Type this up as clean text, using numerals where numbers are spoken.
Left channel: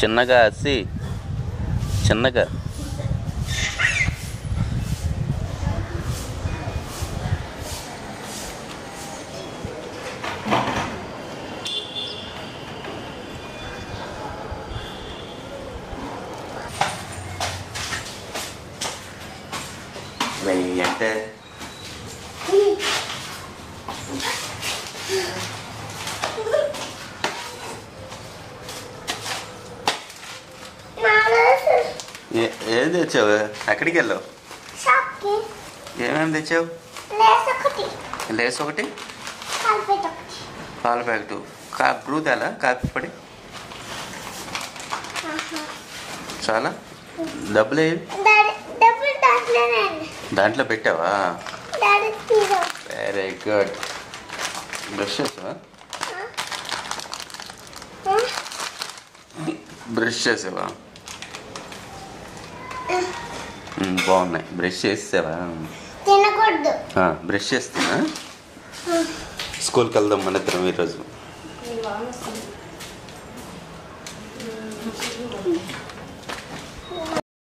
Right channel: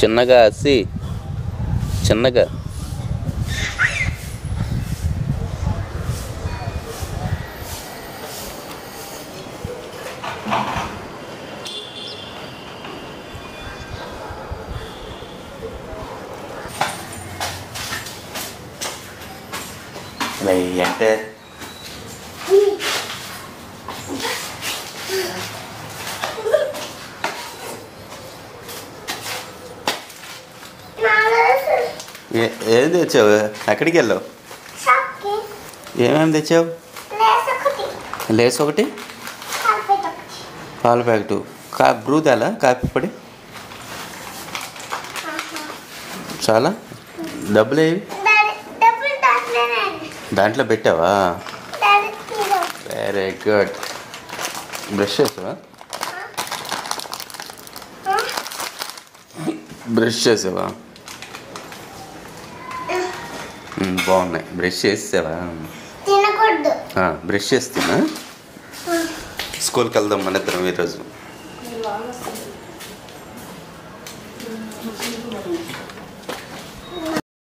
చిన్నగా అసి చిన్నగా అంటే ఏది తెచ్చావు? ఎక్కడికి వెళ్ళావు? ఏమేమి తెచ్చావు? లేస్ ఒకటి, పాల ప్యాకెట్, బ్రూ తేలా, కాఫీ పొడి చాలా. డబ్బులు ఏవి? దాంట్లో పెట్టావా? Very good. బ్రష్ చేసావా? బ్రష్ చేసావా? బాగున్నాయి. బ్రష్ చేసావా? బ్రష్ చేస్తున్నా. స్కూల్కి వెళ్దాం మన ఇద్దరం ఈరోజు.